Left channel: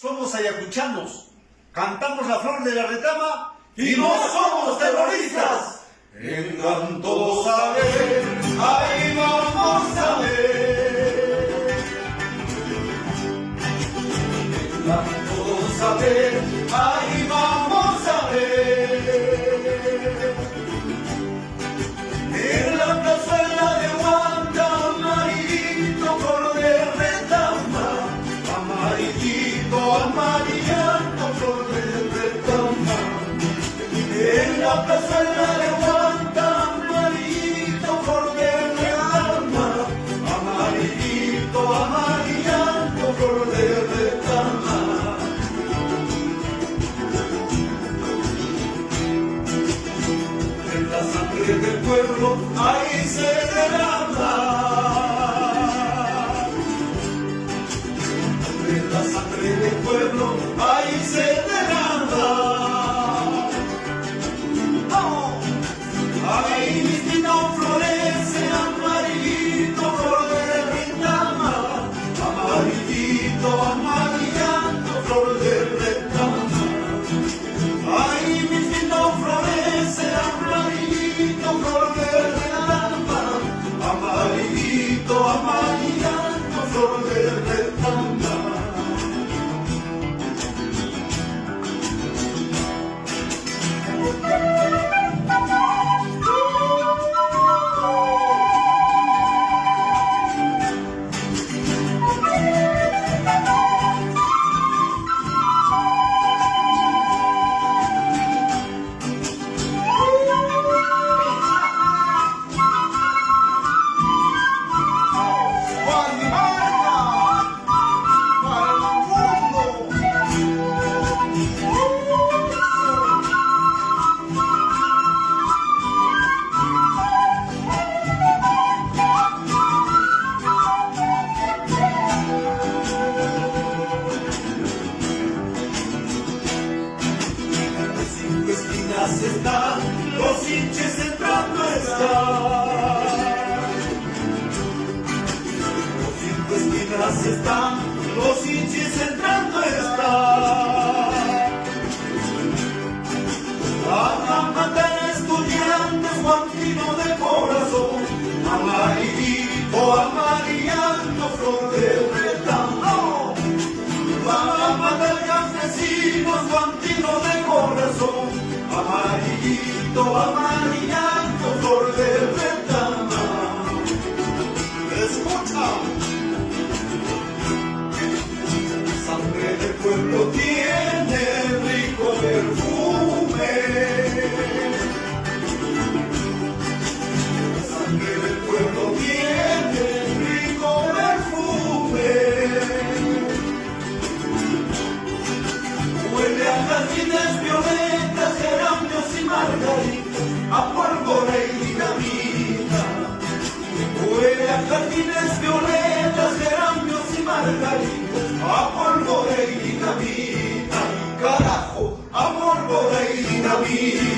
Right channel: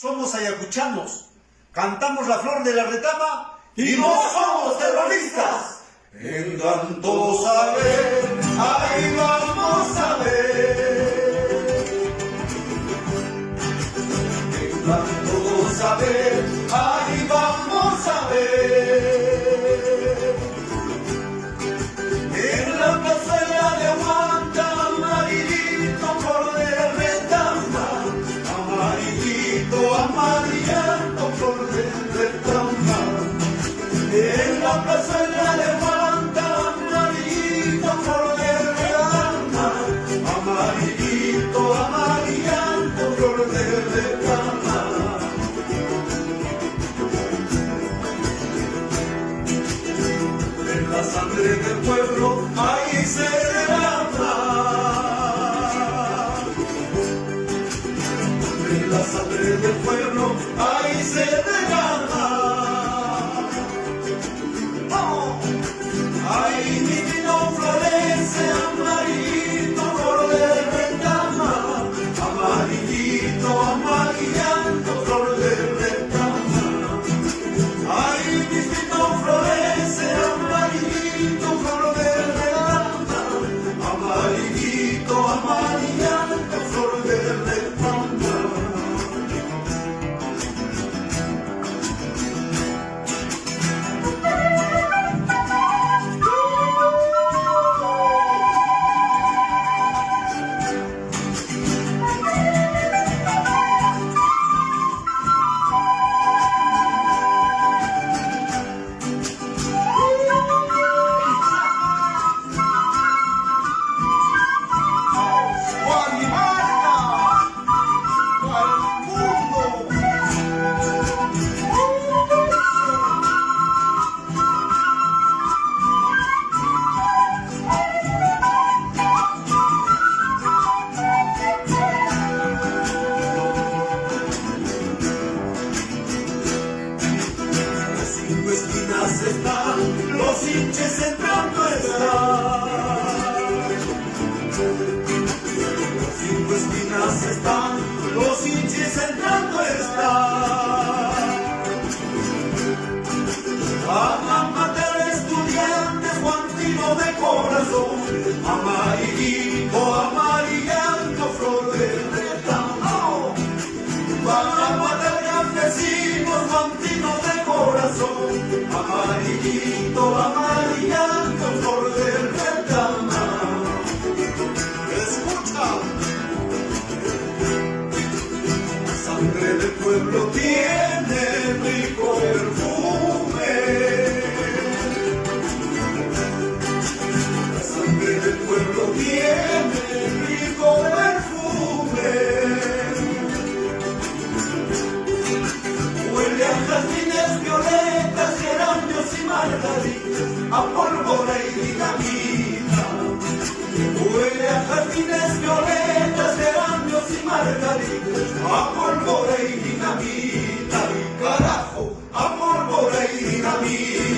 Somos ayacuchanos, cantamos la flor de la retama y no somos terroristas. Vengan todos a ver, ahí vamos a ver. Vengan todos a ver, ahí vamos a ver. En la plazuela de Huanta, amarillito flor de retama, amarillito, amarillento flor de retama. En la plazuela de Huanta, amarillito flor de retama, amarillito, amarillento flor de retama. En la sangre del pueblo ahí se derrama, en la sangre del pueblo ahí se derrama. Ahí mismito florece, amarillito flor de retama, amarillito, amarillento flor de retama. Ahí mismito florece, amarillito flor de retama, amarillito, amarillento flor de retama. Están, los hinches entrando están. Los 5 esquinas están, los hinches entrando están. Van a matar estudiantes, guantino de corazón, amarillito, amarillento, flor de retamo. Van a matar campesinos, guantino de corazón, amarillito, amarillento, flor de retama. Escucha. La sangre del pueblo tiene rico perfume. La sangre del pueblo tiene rico perfume. Huele a jardines violetas, geranios y margaritas, a pólvora y dinamita. Huele a jardines violetas, geranios y margaritas, a pólvora y dinamita. Carajo, a pólvora y dinamita.